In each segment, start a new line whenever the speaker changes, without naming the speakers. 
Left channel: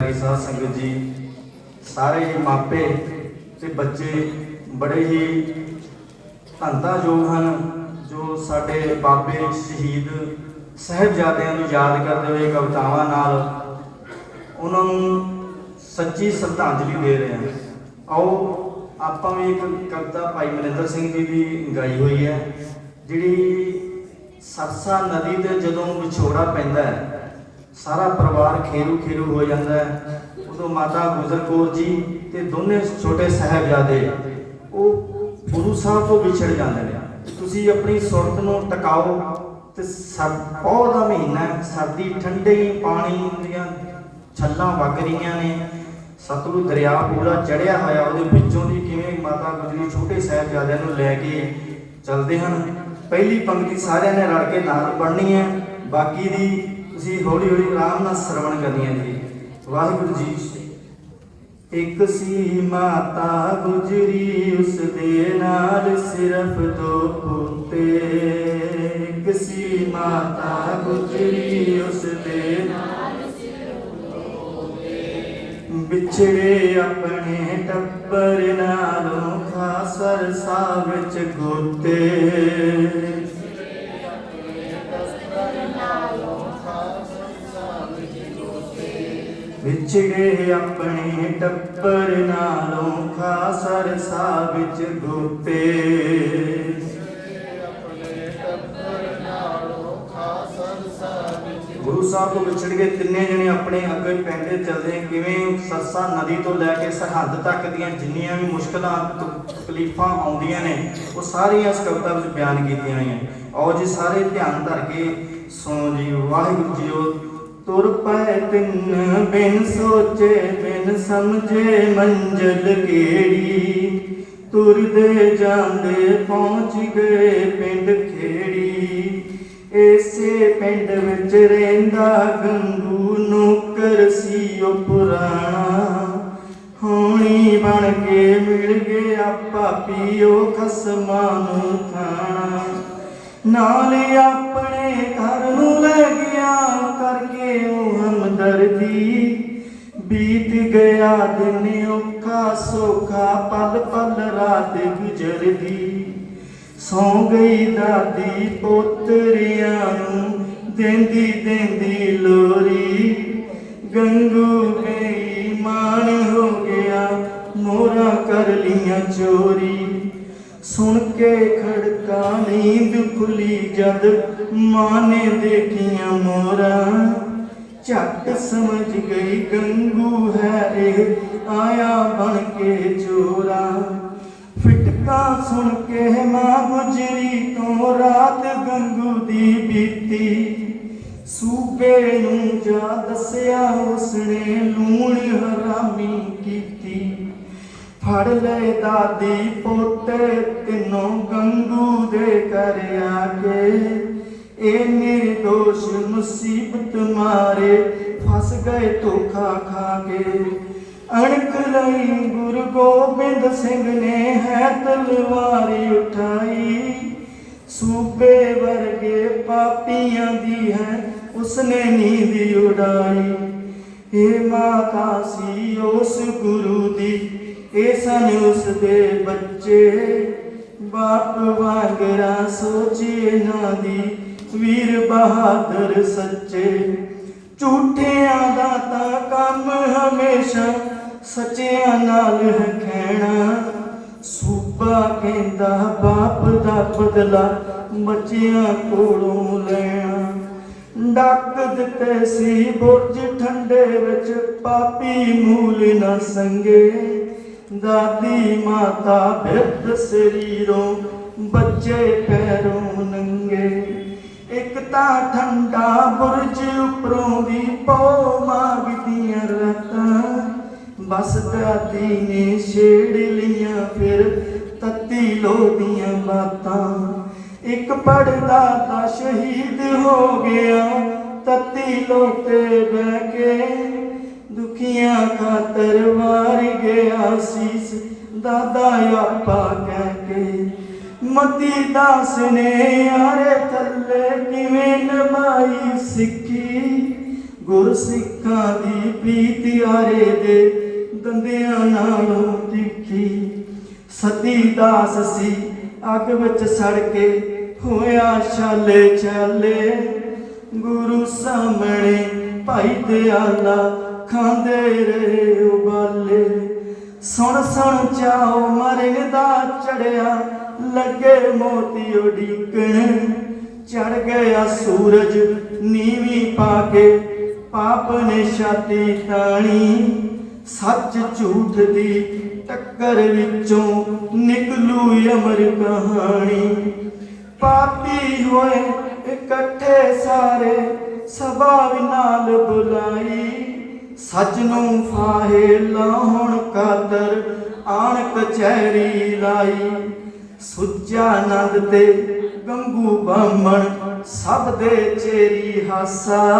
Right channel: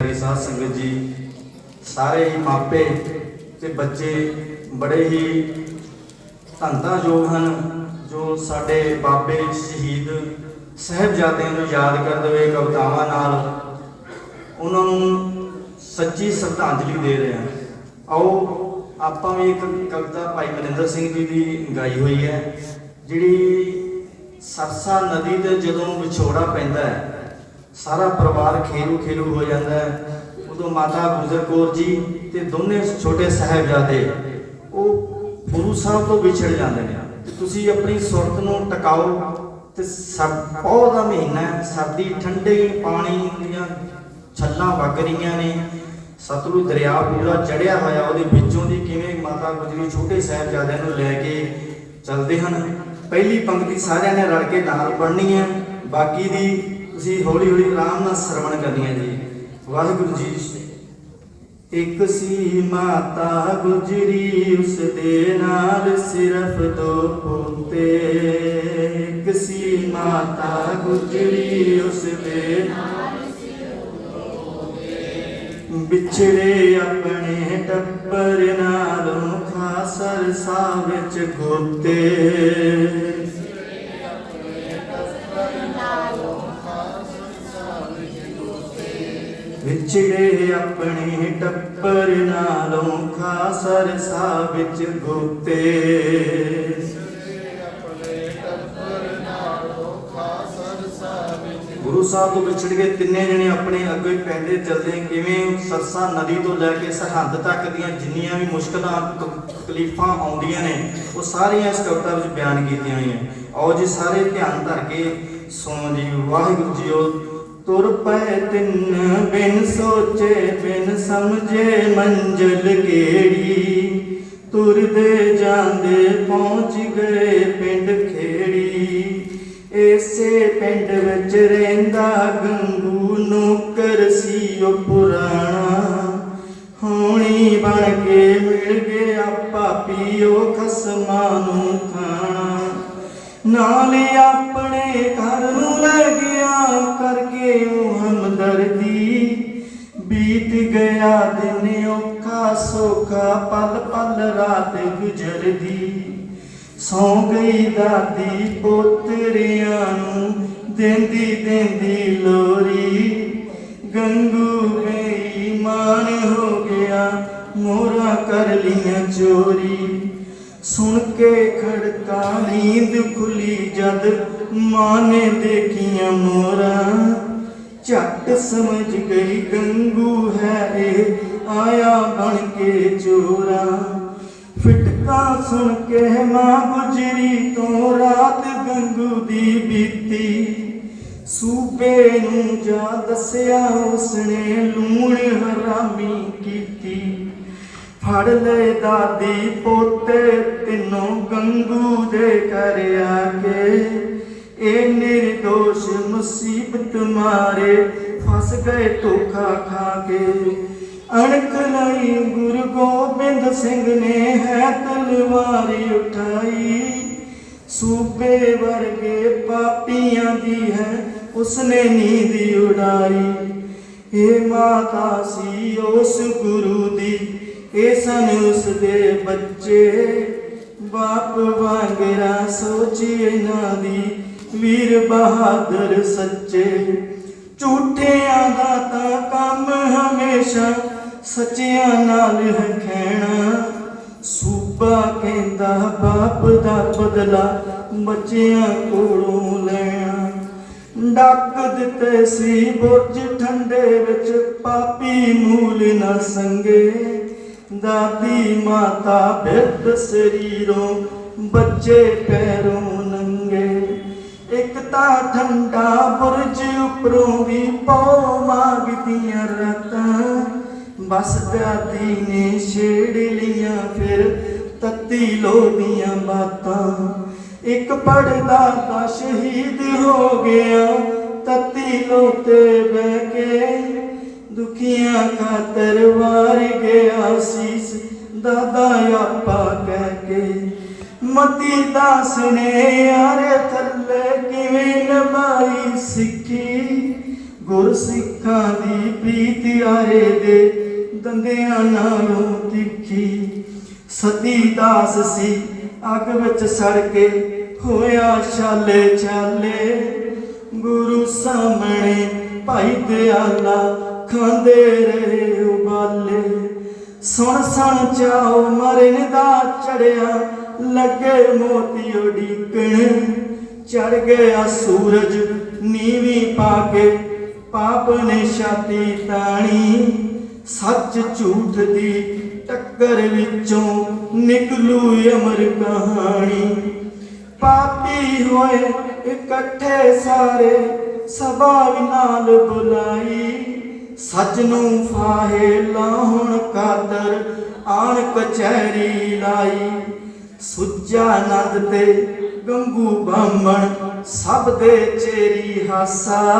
ਮੇਰੀ ਸਾਧ ਸੰਗਤ ਜੀ, ਸਾਰੇ ਹੀ ਮਾਪੇ ਤੇ ਬੱਚੇ ਬੜੇ ਹੀ ਧੰਦਾਯੋਗ ਹਨ, ਜੋ ਸਾਡੇ ਬਾਬੇ ਸ਼ਹੀਦ ਸਾਹਿਬਜ਼ਾਦਿਆਂ ਨੂੰ ਯਾਦ ਕਰਦੇ ਹੋਏ ਕਵਿਤਾਵਾਂ ਨਾਲ ਉਹਨਾਂ ਨੂੰ ਸੱਚੀ ਸ਼ਰਧਾਂਜਲੀ ਦੇ ਰਹੇ ਹਾਂ ਆਓ, ਆਪਾਂ ਵੀ ਇੱਕ ਕਵਿਤਾ ਭਾਈ ਮਨਿੰਦਰ ਸਿੰਘ ਜੀ ਦੀ ਗਾਈ ਹੋਈ ਹੈ, ਜਿਹੜੀ ਸਰਸਾ ਨਦੀ ਤੇ ਜਦੋਂ ਵਿਛੋੜਾ ਪੈਂਦਾ ਹੈ ਸਾਰਾ ਪਰਿਵਾਰ ਖੇਰੂ ਖੇਰੂ ਹੋ ਜਾਂਦਾ ਹੈ। ਉਦੋਂ ਮਾਤਾ ਗੁਜਰ ਕੌਰ ਜੀ ਤੇ ਦੋਨੇ ਛੋਟੇ ਸਾਹਿਬਜ਼ਾਦੇ, ਉਹ ਗੁਰੂ ਸਾਹਿਬ ਤੋਂ ਵਿਛੜ ਜਾਂਦੇ ਨੇ। ਤੁਸੀਂ ਆਪਣੀ ਸੁਰਤ ਨੂੰ ਟਿਕਾਓ ਤੇ ਸਰ- ਦਾ ਮਹੀਨਾ ਸਰਦੀ ਠੰਡੇ ਪਾਣੀ ਦੀਆਂ ਛੱਲਾਂ ਵਗ ਰਹੀਆਂ ਨੇ। ਸਤਲੁਜ ਦਰਿਆ ਪੂਰਾ ਚੜਿਆ ਹੋਇਆ, ਉਹਦੇ ਵਿੱਚੋਂ ਦੀ ਕਿਵੇਂ ਮਾਤਾ ਗੁਜਰੀ ਛੋਟੇ ਸਾਹਿਬਜ਼ਾਦਿਆਂ ਨੂੰ ਲੈ ਕੇ ਚੱਲਦੇ ਹਨ। ਪਹਿਲੀ ਪੰਕਤੀ ਸਾਰਿਆਂ ਨੇ ਰਲ ਕੇ ਨਾਲ ਪੜ੍ਹਨੀ ਹੈ। ਬਾਕੀ ਦੀ ਤੁਸੀਂ ਹੌਲੀ ਹੌਲੀ ਆਰਾਮ ਨਾਲ ਸ਼ਰਵਣ ਕਰਨੀ ਜੀ। ਵਾਹਿਗੁਰੂ ਜੀ। ਇੱਕ ਸੀ ਮਾਤਾ ਗੁਜਰੀ ਉਸ ਦੇ ਨਾਲ ਸਿਰਫ ਦੋ ਪੁੱਤੇ। ਇੱਕ ਸੀ ਮਾਤਾ ਗੁਜਰੀ ਉਸ ਦੇ ਨਾਲ ਵਿਛੜੇ ਆਪਣੇ ਟੱਬਰ ਨਾਲੋਂ ਖਾਸਰ ਸਾ ਵਿੱਚ ਗੋਤੇ। ਵਿਛੜੇ ਆਪਣੇ ਟੱਬਰ ਨਾਲੋਂ ਖਾਸਰ ਸਾ ਵਿੱਚ ਗੋਤੇ ਗੁਰੂ ਸਾਹਿਬ ਤੋਂ ਵਿਛੜ ਕੇ ਤਿੰਨੇ ਜਣੇ ਆਪਣੇ ਅੱਗੇ ਪੈਂਦੇ ਚੱਲਦੇ ਕਿਵੇਂ ਸਰਸਾ ਨਦੀ ਤੋਂ ਲੈ ਕੇ ਸਰਹੱਦ ਤੱਕ ਦੀਆਂ ਜਿੰਨੀਆਂ ਵੀ ਮੁਸ਼ਕਲਾਂ ਤਕਲੀਫਾਂ ਆਉਂਦੀਆਂ ਨੇ, ਉਹ ਸਾਰੀਆਂ ਇਸ ਕਵਿਤਾ ਵਿੱਚ ਬਿਆਨ ਕੀਤੀਆਂ ਹੋਈਆਂ ਆਓ ਜੀ, ਸਾਰੇ ਧਿਆਨ ਧਰ ਕੇ ਸੁਣੋ ਜੀ, ਵਾਹਿਗੁਰੂ ਜੀਓ ਤੁਰ ਪੈ ਤਿੰਨ ਬਿਨ ਸੋਚੇ, ਬਿਨ ਸਮਝੇ ਮੰਜ਼ਲ ਕਿਹੜੀ? ਤੁਰਦੇ ਜਾਂਦੇ ਪਹੁੰਚ ਗਏ ਪਿੰਡ ਖੇੜੀ। ਇਸੇ ਪਿੰਡ ਵਿੱਚ ਰਹਿੰਦਾ ਗੰਗੂ ਨੌਕਰ ਸੀ ਉਹ ਪੁਰਾਣਾ। ਹੋਣੀ ਬਣ ਕੇ ਮਿਲ ਗਿਆ ਪਾਪੀਓ ਖਸਮਾਂ ਨੂੰ ਖਾਣਾ। ਨਾਲੇ ਆਪਣੇ ਘਰ ਨੂੰ ਲੈ ਗਿਆ ਕਰਕੇ ਉਹ ਹਮਦਰਦੀ ਬੀਤ ਗਿਆ ਦਿਨ ਔਖਾ, ਸੋਖਾ, ਪਲ ਪਲ ਰਾਤ ਗੁਜ਼ਰਦੀ। ਸੌ ਗਈ ਦਾਦੀ ਪੋਤਰੀਆਂ ਨੂੰ, ਦਿੰਦੀ ਦਿੰਦੀ ਲੋਰੀ। ਗੰਗੂ ਬੇਈਮਾਨ ਹੋ ਗਿਆ ਮੋਰਾ ਕਰ ਲੀਆਂ ਚੋਰੀ। ਨੀਂਦ ਖੁੱਲੀ ਜਦ ਮਾਂ ਨੇ ਦੇਖੀਆਂ ਮੋਰਾ। ਝੱਟ ਸਮਝ ਗਈ ਗੰਗੂ ਹੈ ਇਹ, ਆਇਆ ਬਣ ਕੇ ਚੋਰਾ। ਫਿਟਕਾ ਸੁਣ ਕੇ ਮਾਂ ਗੁਜਰੀ ਤੋਂ ਰਾਤ ਗੰਗੂ ਦੀ ਬੀਤੀ। ਸੂਬੇ ਨੂੰ ਜਾ ਦੱਸਿਆ ਉਸਨੇ ਲੂਣ ਹਰਾਮੀ ਕੀਤੀ। ਫੜ ਲੈ ਦਾਦੀ ਪੋਤੇ, ਤਿੰਨੋਂ ਗੰਗੂ ਦੇ ਘਰ ਆ ਕੇ। ਇਹ ਨਿਰਦੋਸ਼ ਮੁਸੀਬਤ ਮਾਰੇ, ਫਸ ਗਏ ਧੋਖਾ ਖਾ ਕੇ। ਅਣਖ ਲਈ ਗੁਰੂ ਗੋਬਿੰਦ ਸਿੰਘ ਨੇ ਹੈ ਤਲਵਾਰੀ ਉਠਾਈ। ਸੂਬੇ ਵਰਗੇ ਪਾਪੀਆਂ ਦੀ ਹੈ, ਉਸਨੇ ਨੀਂਦ ਉਡਾਈ। ਇਹ ਮਾਤਾ ਸੀ ਉਸ ਗੁਰੂ ਦੀ। ਇਹ ਸਨ ਉਸ ਦੇ ਬੱਚੇ, ਬਾਪ ਵਾਂਗਰਾ ਸੋਚੀ ਇਹਨਾਂ ਦੀ, ਵੀਰ ਬਹਾਦਰ ਸੱਚੇ। ਝੂਠਿਆਂ ਦਾ ਤਾਂ ਕੰਮ ਹਮੇਸ਼ਾ ਸੱਚਿਆਂ ਨਾਲ ਹੈ ਖੈਣਾ ਸੂਬਾ ਕਹਿੰਦਾ ਬਾਪ ਦਾ ਬਦਲਾ ਬੱਚਿਆਂ ਕੋਲੋਂ ਲੈਣਾ। ਡੱਕ ਦਿੱਤੇ ਸੀ ਬੁਰਜ ਠੰਡੇ ਵਿੱਚ, ਪਾਪੀ ਮੂਲ ਨਾ ਸੰਗੇ। ਦਾਦੀ ਮਾਤਾ ਬਿਰਧ ਸਰੀਰੋਂ, ਬੱਚੇ ਪੈਰੋਂ ਨੰਗੇ। ਇੱਕ ਤਾਂ ਠੰਡਾ ਬੁਰਜ ਉੱਪਰੋਂ ਵੀ ਪੋ ਮਾਗਦੀਆਂ ਰਤਾਂ। ਬਸ ਦਾਦੀ ਨੇ ਛੇੜ ਲੀਆਂ ਫਿਰ ਤੱਤੀ ਲੋਦੀਆਂ ਬਾਤਾਂ। ਇੱਕ ਪੜਦਾ ਤਾਂ ਸ਼ਹੀਦ ਹੋ ਗਿਆ, ਤੱਤੀ ਲੋਤੇ ਬਹਿ ਕੇ ਦੁਖੀਆਂ ਖਾਤਰ ਵਾਰ ਗਿਆ ਸੀਸ, ਦਾਦਾ ਆਪਾ ਕਹਿ ਕੇ। ਮਤੀ ਦਾਸ ਨੇ ਆਰੇ ਥੱਲੇ ਕਿਵੇਂ ਨਮਾਈ ਸਿੱਖੀ? ਗੁਰ ਸਿੱਖਾਂ ਦੀ ਪ੍ਰੀਤ ਚਿੰਗਾਰੇ ਦੇ ਦੰਦਿਆਂ ਨਾਲੋਂ ਤਿੱਖੀ। ਸਤੀ ਦਾਸ ਸੀ, ਅੱਗ ਵਿੱਚ ਸੜ ਕੇ ਹੋਇਆ ਛਾਲੇ ਛਾਲੇ। ਗੁਰੂ ਸਾਹਮਣੇ ਭਾਈ ਦਿਆਲਾ ਖਾਂਦੇ ਰਹੇ ਉਬਾਲੇ। ਸੁਣ ਸੁਣ ਚਾਓ ਮਰਨ ਦਾ ਚੜਿਆ, ਲੱਗੇ ਮੋਤੀ ਉਡੀਕਣ। ਚੜ ਗਿਆ ਸੂਰਜ, ਨੀਵੀਂ ਪਾ ਕੇ ਪਾਪ ਨੇ ਛਾਤੀ ਤਾਣੀ ਸੱਚ ਝੂਠ ਦੀ ਟੱਕਰ ਵਿੱਚੋਂ ਨਿਕਲੂ ਅਮਰ ਕਹਾਣੀ। ਪਾਪੀ ਹੋਏ ਇਕੱਠੇ ਸਾਰੇ, ਸਭਾ ਵੀ ਨਾਲ ਬੁਲਾਈ। ਸੱਚ ਨੂੰ ਫਾਹੇ ਲਾਉਣ ਕਾਦਰ ਆਣ ਕਚਹਿਰੀ ਲਾਈ। ਸੁੱਜਾ ਤੇ ਗੰਗੂ ਬਾਮਣ ਸਭ ਦੇ ਚੇਰੀ ਹਾਸਾ।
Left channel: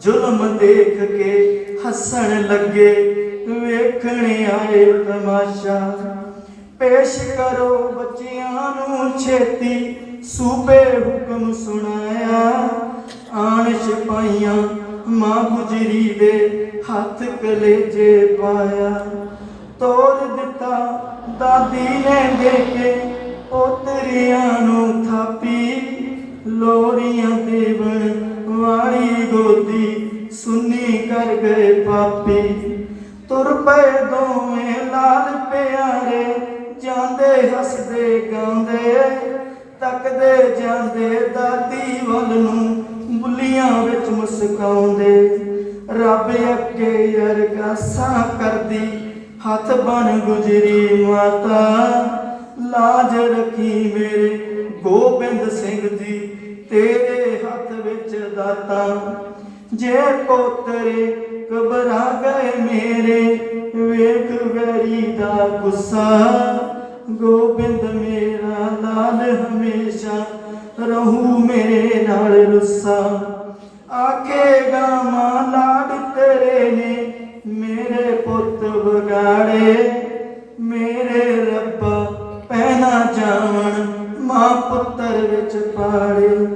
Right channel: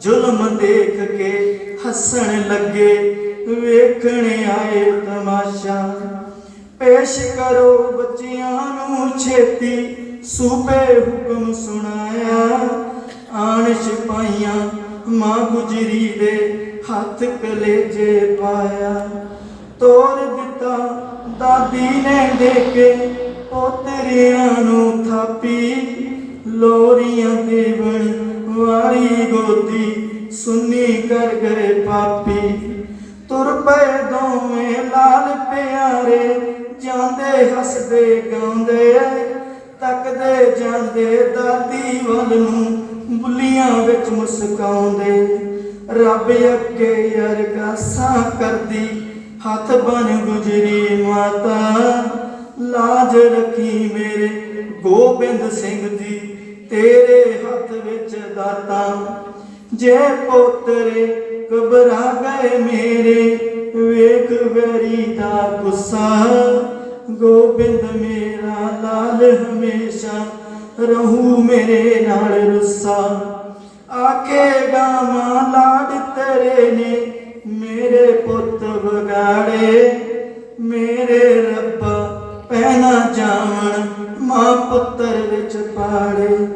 ਜ਼ੁਲਮ ਦੇਖ ਕੇ ਹੱਸਣ ਲੱਗੇ, ਵੇਖਣ ਆਏ ਤਮਾਸ਼ਾ। ਪੇਸ਼ ਕਰੋ ਬੱਚਿਆਂ ਨੂੰ ਛੇਤੀ, ਸੂਬੇ ਹੁਕਮ ਸੁਣਾਇਆ। ਆਣ ਸਿਪਾਹੀਆਂ ਮਾਂ ਗੁਜਰੀ ਦੇ ਹੱਥ ਕਲੇਜੇ ਪਾਇਆ। ਤੋੜ ਦਿੱਤਾ ਦਾਦੀ ਨੇ ਦੇ ਕੇ ਪੋਤਰਿਆਂ ਨੂੰ ਥਾਪੀ। ਲੋਰੀਆਂ ਦੇਵਣ ਵਾਰੀ ਗੋਦੀ, ਸੁੰਨੀ ਕਰ ਗਏ ਪਾਪੀ ਤੁਰ ਪਏ ਦੋਵੇਂ ਲਾਲ ਪਿਆਰੇ, ਜਾਂਦੇ ਹੱਸਦੇ ਗਾਉਂਦੇ। ਤੱਕਦੇ ਜਾਂਦੇ ਦਾਦੀ ਵੱਲ ਨੂੰ ਬੁੱਲੀਆਂ ਵਿੱਚ ਮੁਸਕਾਉਂਦੇ। ਰੱਬ ਅੱਗੇ ਅਰਦਾਸਾਂ ਕਰਦੀ, ਹੱਥ ਬਨ ਗੁਜਰੀ ਮਾਤਾ। ਲਾਜ ਰੱਖੀ ਮੇਰੇ ਗੋਬਿੰਦ ਸਿੰਘ ਦੀ ਤੇਰੇ ਹੱਥ ਵਿੱਚ ਦਾਤਾ। ਜੇ ਪੋਤਰੇ ਘਬਰਾ ਗਏ ਮੇਰੇ, ਵੇਖ ਵੈਰੀ ਦਾ ਗੁੱਸਾ। ਗੋਬਿੰਦ ਮੇਰਾ ਲਾਲ ਹਮੇਸ਼ਾ ਰਹੂ ਮੇਰੇ ਨਾਲ ਰੁੱਸਾ। ਆਖੇਗਾ ਮਾਂ ਲਾਡ ਤੇਰੇ ਨੇ, ਮੇਰੇ ਪੁੱਤ ਵਿਗਾੜੇ। ਮੇਰੇ ਰੱਬ ਪਹਿਨਾ ਜਾਣ ਮਾਂ ਪੁੱਤਰ ਵਿੱਚ ਪਾੜੇ।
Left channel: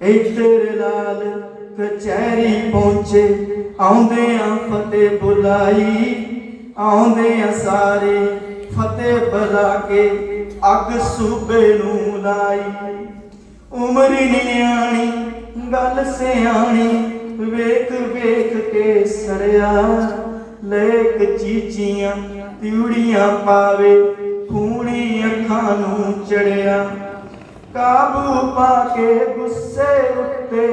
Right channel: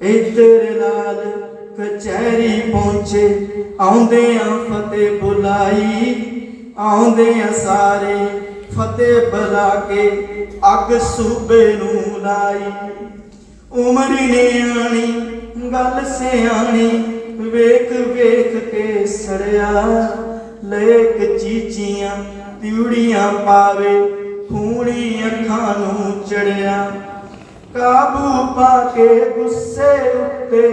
ਇੱਧਰ ਲਾਲ ਕਚਹਿਰੀ ਪਹੁੰਚੇ ਆਉਂਦੇ ਆ ਫਤਿਹ ਬੁਲਾਈ। ਆਉਂਦੇ ਆ ਸਾਰੇ ਫਤਿਹ ਬਲਾ ਕੇ ਅੱਗ ਸੂਬੇ ਨੂੰ ਲਾਈ। ਉਮਰ ਨੇ ਆਣੀ, ਗੱਲ ਸਿਆਣੀ, ਵੇਖ ਵੇਖ ਕੇ ਸੜਿਆ। ਲੇਕ ਚੀਚੀਆਂ ਤਿਉੜੀਆਂ ਪਾਵੇ ਫੂਣੀ ਅੱਖਾਂ ਨੂੰ ਚੜਿਆ। ਕਾਬੂ ਪਾ ਕੇ ਗੁੱਸੇ ਉੱਤੇ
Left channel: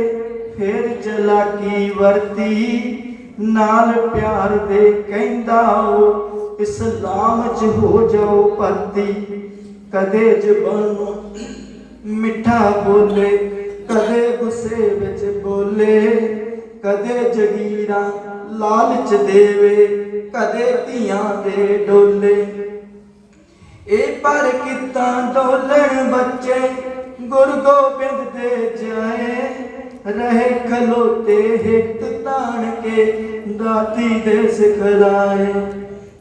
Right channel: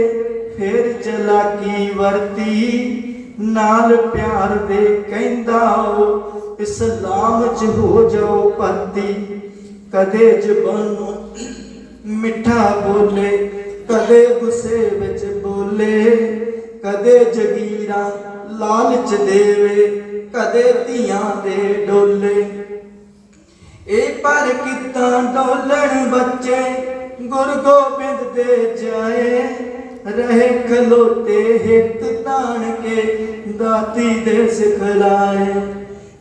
ਫਿਰ ਚਲਾਕੀ ਵਰਤੀ। ਨਾਲ ਪਿਆਰ ਦੇ ਕਹਿੰਦਾ ਉਹ ਇਸਲਾਮ ਚ ਹੋ ਜਾਓ ਭਰਤੀ ਕਦੇ ਜ਼ਬਾਨੋਂ ਮਿੱਠਾ ਬੋਲੇ, ਕਦੇ ਗੁੱਸੇ ਵਿੱਚ ਬੋਲੇ, ਕਦੇ ਜਗੀਰਾਂ ਲਾਲਚ ਦੇਵੇ, ਕਦੇ ਧੀਆਂ ਦੇ ਡੋਲੇ। ਇਹ ਪਰ ਕਿਤਾ ਡੋਲਣ ਬੱਚੇ, ਗੁਰ ਗੋਬਿੰਦ ਦੇ ਜਾਏ, ਰਹੇ ਖਲੋਤੇ ਹਿੱਤ ਤਾਣ ਕੇ ਦਾਤੀ ਦੇ ਸਿਖਲਾਏ।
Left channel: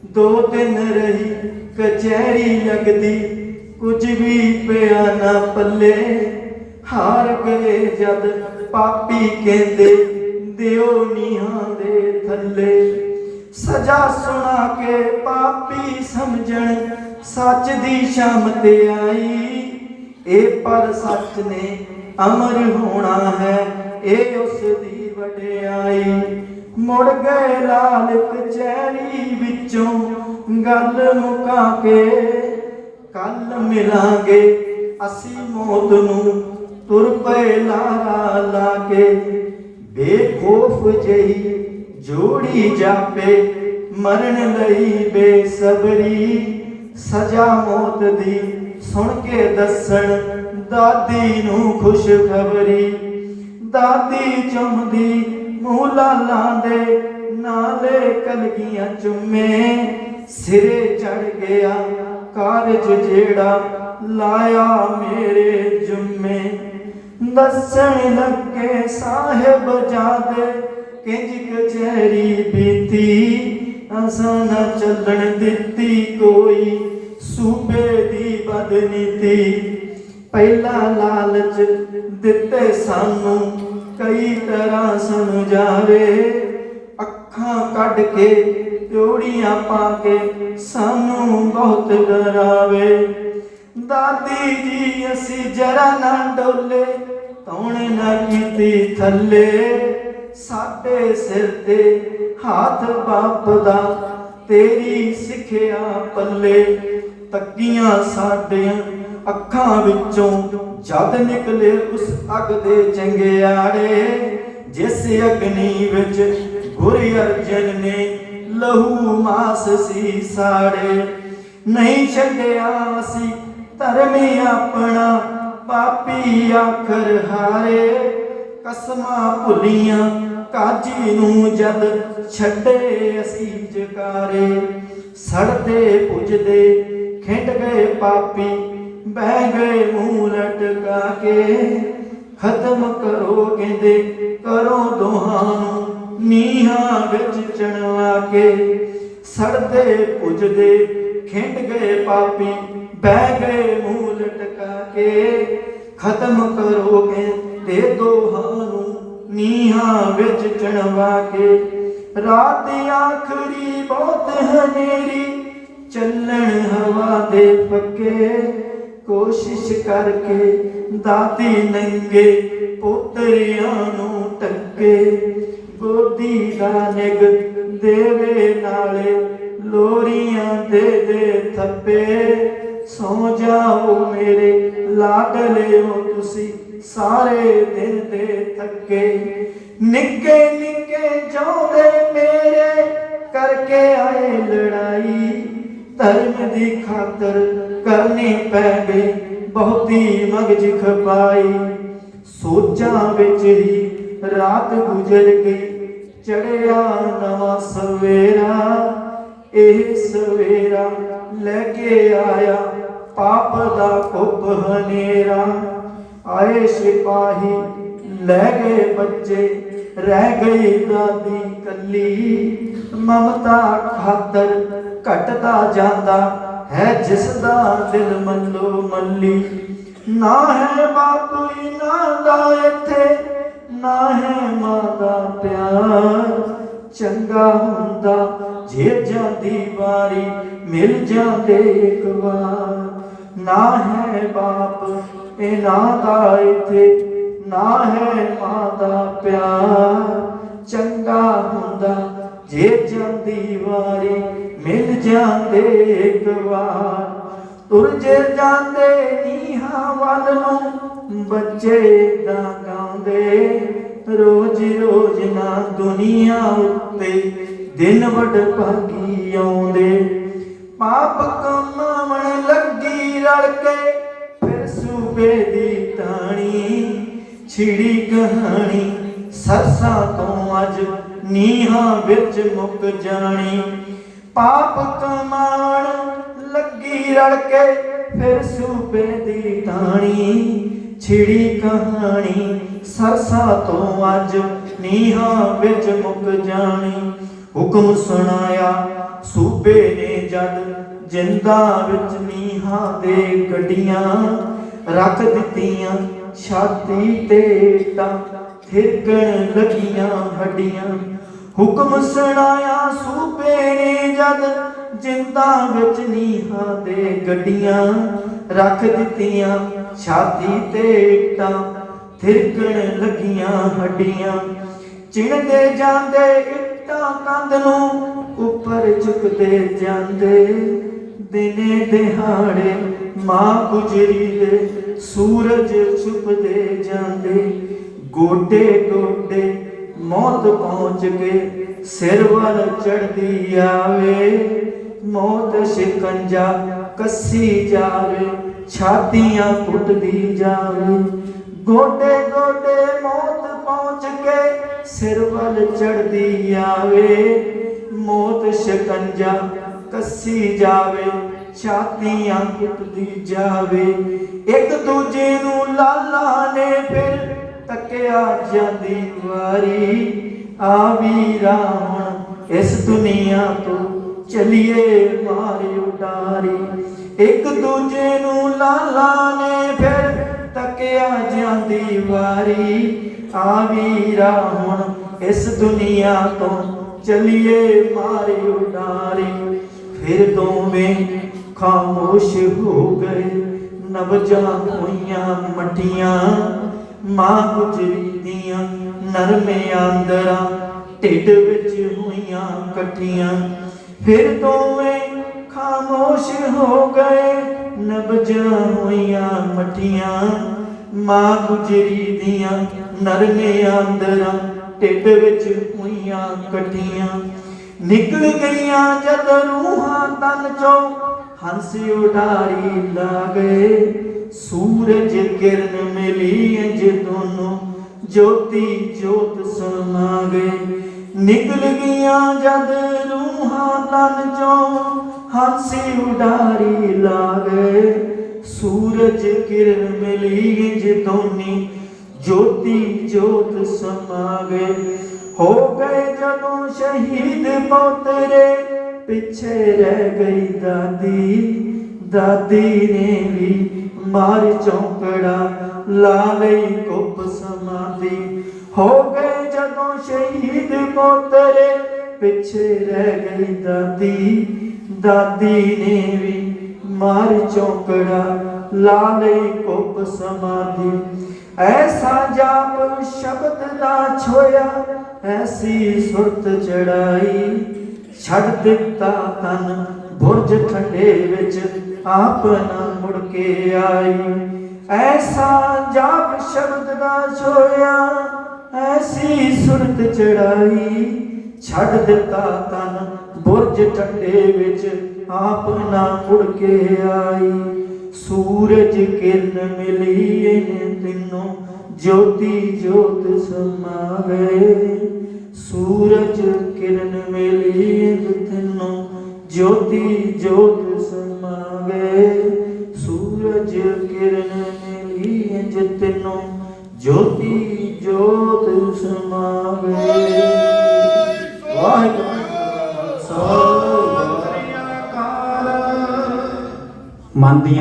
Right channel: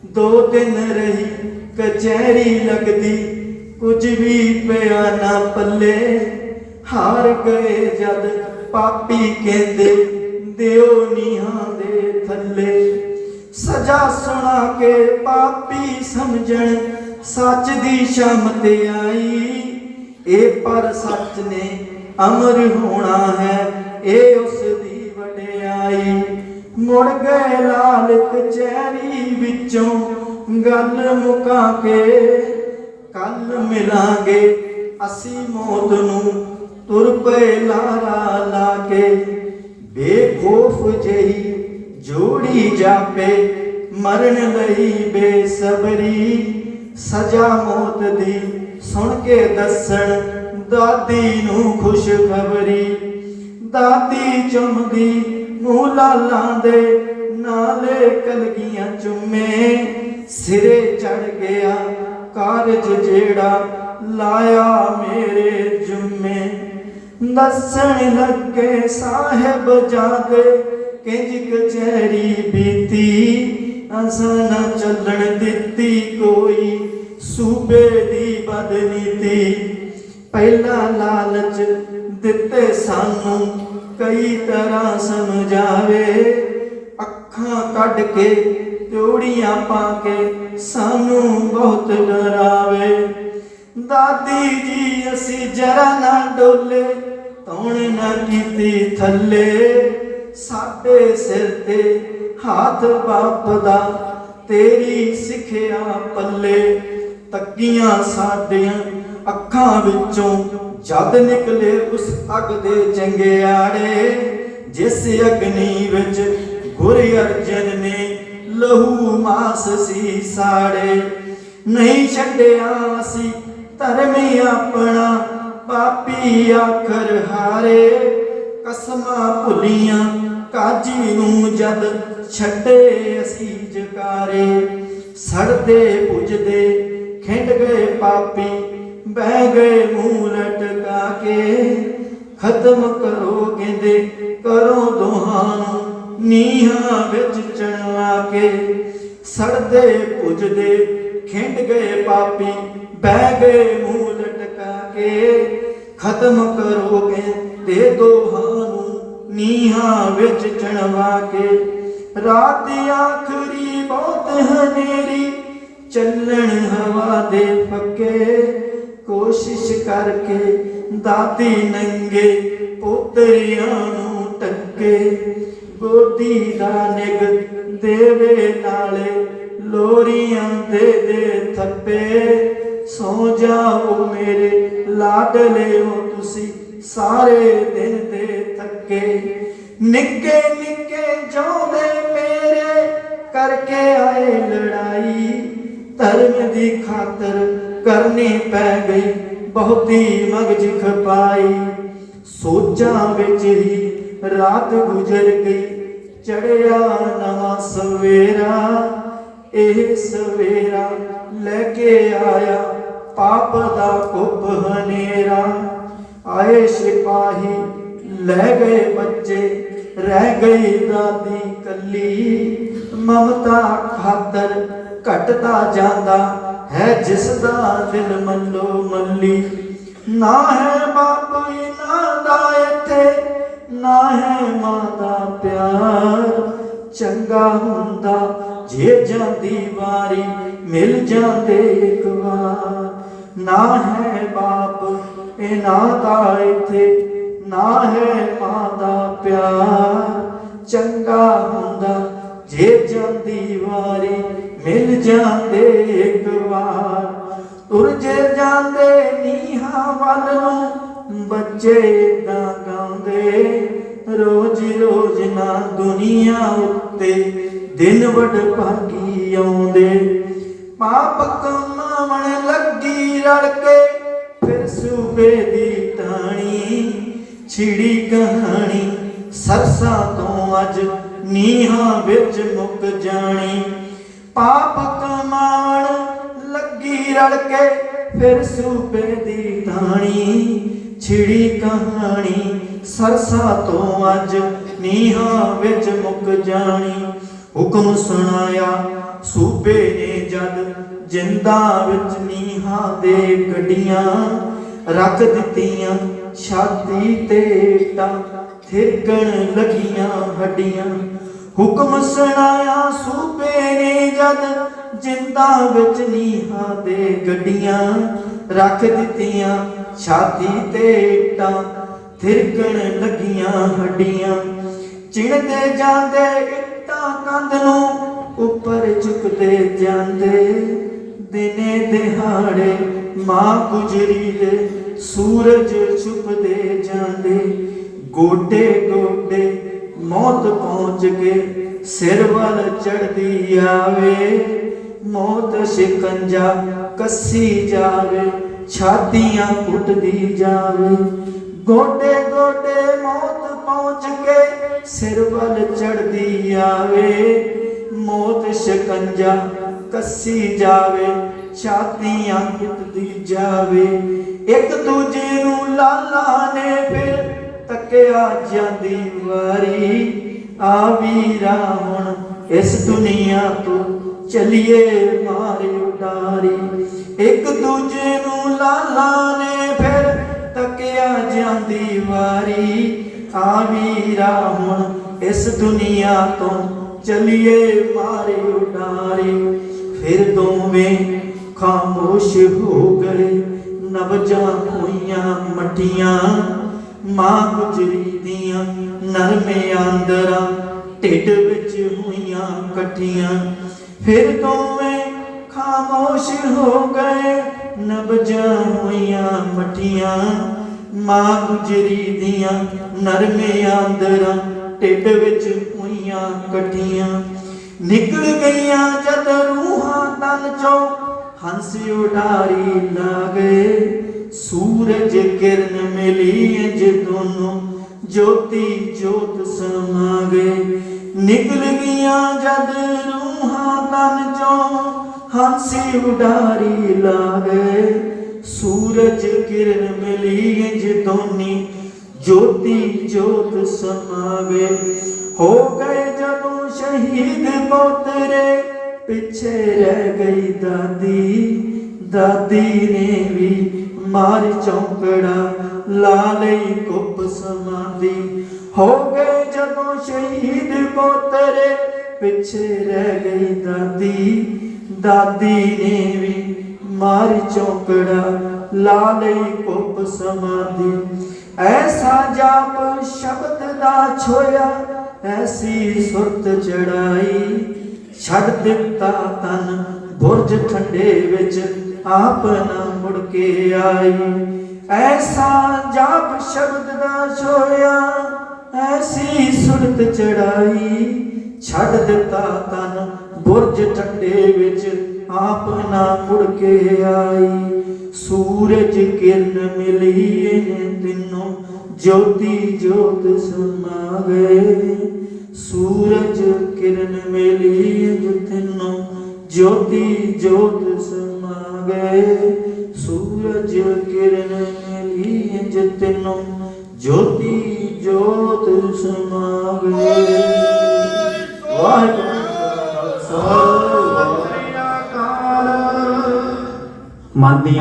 ਦੋ ਦਿਨ ਰਹੀ, ਕਚਹਿਰੀ ਲੱਗਦੀ, ਕੁਝ ਵੀ ਪਿਆ ਨਾ ਪੱਲੇ। ਹਾਰ ਗਏ ਜਦ ਪਾਪੀ ਕਹਿੰਦੇ, ਦਿਓ ਨੀਹਾਂ ਦੇ ਥੱਲੇ। ਸਜ਼ਾ ਸੁਣਾ ਕੇ ਪਾਪੀ ਸਮਝਣ, ਸੱਚ ਦੀ ਸ਼ਾਮ ਤੇ ਆਈ। ਇਹ ਪਰ ਸੱਚ ਨੇ ਅਮਰ ਹੋਣਾ ਹੈ, ਇਹ ਉਸ ਦੀ ਵਡਿਆਈ। ਮੁੜ ਗਏ ਲਾਲ ਕਚਹਿਰੀ ਵਿੱਚੋਂ ਗੱਲ ਮੁਕਾ ਕੇ ਕੱਲ ਮਿਲਾਂਗੇ ਅਸੀਂ ਮੌਤ ਨੂੰ, ਤੁਰ ਪਏ ਲਾਰਾ ਲਾ ਕੇ ਬੇਖੌਫ ਜਈ ਜੋੜੀ ਜਾਪੇ, ਮਰਨ ਲਈ ਬੇਸਬਰੀ। ਸਜ਼ਾ ਮੌਤ ਦੀ ਸੁਣ ਕੇ ਦੱਸਣ, ਦਾਦੀ ਨੂੰ ਖੁਸ਼ਖਬਰੀ। ਦਾਦੀ ਚੁੰਮਦੀ ਮੂੰਹ ਦੇ ਨਾਲੇ ਕਲਗੀਆਂ ਚੁੰਮੇ। ਸਿਰੇ ਚੜ ਗਿਆ ਕਾਰਜ ਜਿਹੜਾ ਲਾਇਆ ਮੇਰੇ ਜੁਮੇ। ਦੱਸਣ ਲੱਗੇ ਸਾਹਿਬ ਜਾਦੇ ਕਿੰਜ ਕਚਹਿਰੀ ਬੀਤੀ ਅਸਾਂ ਨਾ ਚੱਲਣ ਦਿੱਤੀ ਕੋਈ। ਸੂਬੇ ਦੀ ਬਦਨੀਤੀ ਪਹਿਲਾ ਲਾਲਚ ਦਿੱਤੇ ਸਾਨੂੰ, ਕਈ ਤਰ੍ਹਾਂ ਸਮਝਾਵੇ। ਅੱਖਾਂ ਕੱਢ ਕੇ, ਜੋੜੀਆਂ ਪਾ ਕੇ ਸਾਨੂੰ ਬਹੁਤ ਡਰਾਵੇ। ਦਾਦੀ ਜੀ, ਅਸੀਂ ਜਰਾ ਨਾ ਡੋਲੇ ਤੌਣੇ ਨਾ ਕੀਤੀ ਥੱਲੇ। ਸਾਡੇ ਸਿਰ ਤੇ ਹੱਥ ਬਾਪ ਦਾ ਤੇਰੀ ਸਿੱਖਿਆ ਪੱਲੇ। ਤੱਕੀਆਂ ਸਾਡੀਆਂ ਅੱਖਾਂ ਵਿੱਚੋਂ ਜਦ ਨਿਕਲੇ ਉਸ ਅੱਗ ਦੇ ਚੰਗਿਆੜੇ, ਜਿਸ ਅਗਨੀ ਵਿੱਚ ਗੁਰ ਅਰਜਨ ਨੇ ਲਹੂ ਮਾਸ ਸੀ ਸਾੜੇ। ਨਹੀਂ ਛੱਡਿਆ ਸੀ ਧਰਮੀ ਆਪਣਾ, ਪਾਪੀ ਆਖਰ ਹਾਰੇ। ਕਸਮਾਂ ਭੁੱਲੀਆਂ ਕਾਜੀ ਨੂੰ ਜਦ ਛੱਡੇ ਅਸੀਂ ਜਕਾਰੇ। ਸੜਦੇ ਪੁੱਜਦੇ, ਖਿੰਡ ਗਏ ਪਾਪੀ ਬਹਿ ਗਏ ਮੂੰਹ ਲਟਕਾ ਕੇ ਖਤਮ ਕਰੋ ਕਹਿੰਦੇ, ਕਰੋ ਦੋਹਾਂ ਨੂੰ ਨੀਹਾਂ ਵਿੱਚ ਚਣਵਾ ਕੇ। ਸੜਦੇ ਪੁੱਜਦੇ ਖਿੰਡ ਗਏ ਪਾਪੀ, ਬਹਿ ਗਏ ਮੂੰਹ ਲਟਕਾ ਕੇ ਖਤਮ ਕਰੋਗੇ ਤੇ ਦੋਹਾਂ ਨੂੰ ਨੀਹਾਂ ਵਿੱਚ ਚਣਵਾ ਕੇ। ਰਾਤ ਆਖਰੀ ਬਹੁਤ ਹਨੇਰੀ, ਚੱਲਣ ਹਵਾ ਦੇ ਪੱਕੇ। ਕੋਸ਼ਿਸ਼ ਕਰਕੇ ਦਾਦੀ ਨੰਗੇ, ਪੋਤਰਿਆਂ ਨੂੰ ਟੱਕੇ ਗੋਦੀ ਦਾ ਨਿਗ ਦੇਵੇ ਨਾਲੇ, ਲੋਰੀਆਂ ਦੇ ਦੇ ਥੱਪੇ। ਸੋ ਜਾਓ ਮੇਰੇ ਲਾਡਲਿਓ ਤੁਸੀਂ ਸਾਰੇ ਦਿਨ ਦੇ ਥੱਕੇ। ਨਿੱਕੇ ਨਿੱਕੇ ਜਾਉਂਦੇ ਮੇਰੇ ਕਰਕੇ ਆਏ ਲੜਾਈ। ਧਰਮ ਦੀ ਖਾਤਰ ਕਰਨੀ ਪੈ ਗਈ, ਬਹੁਤੀ ਮਗਜ ਖਪਾਈ। ਸੋਚਾਂ ਵਿੱਚ ਹੀ ਰਾਤ ਗੁਜ਼ਰ ਗਈ, ਚੜਿਆ ਨਵਾਂ ਸਵੇਰਾ। ਇਹ ਸਵੇਰਾ ਲੈ ਕੇ ਆਇਆ ਪਾਪ ਦਾ ਕੁੱਪ ਹਨੇਰਾ। ਆਏ ਸਿਪਾਹੀ ਲੈ ਗਏ ਬੱਚੇ, ਰਹਿ ਗਈ ਦਾਦੀ ਕੱਲੀ। ਮਮਤਾ ਖਾਤਰ ਘਟਦਾ ਜਾਂਦਾ ਹੈ ਜਿਸ ਦਾ ਦਿਲ ਮੱਲੋ ਮੱਲੀ ਨਾ ਹੈ ਬਾਪ ਨਾ ਦਾ ਇੱਥੇ, ਨਾ ਹੈ ਮਾਂ ਦਾ ਪਿਆਰ। ਚੰਗਾ ਹੁੰਦਾ ਜੇ ਜਾਂਦੀ ਵਾਰੀ, ਮਿਲ ਜਾਂਦੇ ਇੱਕ ਵਾਰ। ਨਾ ਹੈ ਬਾਪ ਇਹਨਾਂ ਦਾ ਇੱਥੇ, ਨਾ ਹੈ ਮਾਂ ਦਾ ਪਿਆਰ। ਚੰਗਾ ਹੁੰਦਾ ਜੇ ਜਾਂਦੀ ਵਾਰੀ ਮਿਲ ਜਾਂਦੇ ਇੱਕ ਤੁਰ ਜੇ ਜਾਂਦੇ ਨੀਹਾਂ ਵੱਲ ਨੂੰ, ਬੱਚੇ ਦਾ ਗਾਉਂਦੇ। ਰੋਜ਼ ਰੋਜ਼ ਨਾ ਦੁਨੀਆ ਉੱਤੇ, ਦਿਨ ਵਡ ਭਾਗੀ ਆਉਂਦੇ। ਪਾਪ ਕਮਾਉਣ ਲੱਗੀ ਰਲ ਕੇ, ਫਿਰ ਸੂਬੇ ਦੀ ਟਾਣੀ ਛਿੜੀ ਕਹਾਣੀ, ਸਰਸਾਂ ਤੋਂ ਅੱਜ ਨੀਹਾਂ ਵਿੱਚ ਮੁੱਕ ਜਾਣੀ। ਪਾਪ ਕਮਾਉਣ ਲੱਗੀ ਰਲ ਕੇ ਫਿਰ ਸੂਬੇ ਦੀ ਟਾਣੀ ਛਿੜੀ ਕਹਾਣੀ ਸਰਸਾ ਤੋਂ ਅੱਜ ਨੀਹਾਂ ਵਿੱਚ ਮੁੱਕ ਜਾਣੀ। ਹੁਕਮ ਸੁਣਾਇਆ ਸੂਬੇ ਨੇ ਜਦ ਜਿੰਦਾ ਵਿੱਚ ਨੀਹਾਂ ਦੇ ਗੱਡੀਆਂ ਰੱਖ ਦਿੱਤੀਆਂ। ਛਾਤੀ ਤੇ ਟਾਂ ਥਿਰਕਣ ਲੱਗੀਆਂ ਹੱਡੀਆਂ। ਹੁਕਮ ਸੁਣਾਇਆ ਜਦ ਜਿੰਦਾ ਵਿੱਚ ਨੀਹਾਂ ਦੇ ਗੱਡੀਆਂ ਰੱਖ ਦਿੱਤੀਆਂ, ਛਾਤੀ ਤੇ ਇੱਟਾਂ ਥਿਰਕਣ ਲੱਗੀਆਂ ਹੱਡੀਆਂ। ਚਿਣਦੇ ਜਾਂਦੇ ਇੱਟਾਂ ਕੰਧ ਨੂੰ ਉੱਪਰ ਝੁਕਦੇ ਜਾਂਦੇ। ਦਿਨੇ ਦਿਹਾੜੇ ਮਾਂ ਗੁਜਰੀ ਦੇ ਸੂਰਜ ਛੁਪਦੇ ਜਾਂਦੇ। ਗੋਡੇ ਗੋਡੇ ਮੌਤ ਪਹੁੰਚ ਕੇ ਸਿਰ ਵੱਲ ਚੜਦੀ ਆਵੇ, ਮੌਤ ਸ਼ਿਕੰਜਾ ਕੱਸੀ ਜਾਵੇ, ਛਾਤੀਆਂ ਕੁੱਟਦੀ ਜਾਵੇ। ਗੋਡੇ ਗੋਡੇ ਮੌਤ ਪਹੁੰਚ ਕੇ ਸਿਰ ਵੱਲ ਚੜਦੀ ਆਵੇ, ਮੌਤ ਸ਼ਿਕੰਜਾ ਕੱਸੀ ਜਾਵੇ, ਛਾਤੀਆਂ ਕੁੱਟਦੀ ਜਾਵੇ। ਇੱਕ ਦੂਜੇ ਨੂੰ ਲਾਲਾ ਨੇ ਫਿਰ ਤੱਕਿਆ ਜਾਂਦੀ ਆ ਵੀਰਾ ਹੁਣ ਇਸ ਦੁਨੀਆ ਤੋਂ ਚਲੀਏ ਮਾਰ ਉਡਾਰੀ। ਇੱਕ ਦੂਜੇ ਨੂੰ ਲਾਲਾ ਨੇ ਫਿਰ ਤੱਕਿਆ ਜਾਂਦੀ ਵਾਰੀ। ਆ ਵੀਰਾ ਹੁਣ ਇਸ ਦੁਨੀਆ ਤੋਂ ਚਲੀਏ ਮਾਰੇ ਉਡਾਰੀ। ਫਿਰ ਦੋਵੇਂ ਖਾਮੋਸ਼ ਹੋ ਗਏ, ਨਵਜਾਂ ਹੋਈਆਂ ਮਟੀਆਂ ਮਾਂ ਗੁਜਰੀ ਦੀਆਂ ਨਰਮੇ ਆਂਦਰਾਂ, ਢਿੱਡ ਵਿੱਚ ਹੋਈਆਂ ਕੱਟੀਆਂ। ਫਿਰ ਦੋਵੇਂ ਖਾਮੋਸ਼ ਹੋ ਗਏ ਨਬਜਾਂ ਹੋਈਆਂ ਮਟੀਆਂ ਮਾਂ ਗੁਜਰੀ ਦੀਆਂ ਨਰਮੇ ਆਂਦਰਾਂ, ਢਿੱਡ ਵਿੱਚ ਹੋਈਆਂ ਕੱਟੀਆਂ। ਨਿਕਲ ਗਈਆਂ ਜਦ ਰੂਹਾਂ ਤਨ ਚੋਂ, ਹੰਸ ਉਡਾਰੀ ਲਾ ਗਏ। ਸੂਰਜ ਕਿਰਨ ਮਿਲੀ ਇੰਜ ਦੋਨੋਂ, ਜੋਤੀ ਜੋਤ ਸਮਾ ਗਏ ਨਿਕਲ ਗਈਆਂ ਜਦ ਰੂਹਾਂ ਤਨ ਚੋਂ, ਹੰਸੀ ਉਡਾਰੀ ਲਾ ਸੂਰਜ ਕਿਰਨ ਮਿਲੀ ਇੰਜ ਦੋਨੀ, ਜੋਤੀ ਜੋਤ ਸਮਾ ਗਏ ਹੋ ਗਏ ਜਦੋਂ ਸ਼ਹੀਦ ਪੋਤਰੇ, ਪਿੱਛੇ ਰਹਿ ਗਈ ਦਾਦੀ। ਦਾਦੀ ਨੇ ਵੀ ਮਾਰ ਚੌਂਕੜਾ ਲਾ ਲਈ ਕੁੱਪ ਸਮਾਦੀ ਹੋ ਗਏ ਜਦੋਂ ਸ਼ਹੀਦ ਪੋਤਰੇ, ਪਿੱਛੇ ਰਹਿ ਗਈ ਦਾਦੀ। ਦਾਦੀ ਨੇ ਵੀ ਮਾਰ ਚੌਂਕੜਾ ਲਾ ਲਈ ਕੁੱਪ ਸਮਾਦੀ ਐਸਾ ਜਾਪ ਸ਼ਬਦ ਦਾ ਛੋਇਆ, ਐਸੀ ਸੁਰਤ ਚੜਾਈ। ਛੱਡ ਦਿੱਤਾ ਤਨ ਬੁਰਜ ਠੰਡੇ ਵਿੱਚ। ਆਪਨ ਮੁੜ ਕੇ ਆਈ। ਐਸਾ ਜਾਪ ਸ਼ਬਦ ਦਾ ਛੋਇਆ ਐਸੀ ਸੁਰਤ ਚੜਾਈ। ਛੱਡ ਦਿੱਤਾ ਤਨ ਬੁਰਜ ਠੰਡੇ ਵਿੱਚ ਆਪਨਾ ਮੁੜ ਕੇ ਆਈ। ਸੂਰਜ ਕਿਰਨ ਮਿਲੀ ਇਹ ਤਿੰਨੋਂ, ਜੋਤੀ ਜੋਤ ਸਮਾ ਸੂਰਜ ਕਿਰਨ ਮਿਲੀ ਜੋਤੀ ਜੋਤ ਸਮਾ ਗਏ ਸੂਰਜ ਕਿਰਨ ਮਿਲੀ ਇਹ ਤਿੰਨੋਂ ਜੋਤੀ ਜੋਤ ਸਮਾ ਗਏ
ਮਨ ਦੀਆਂ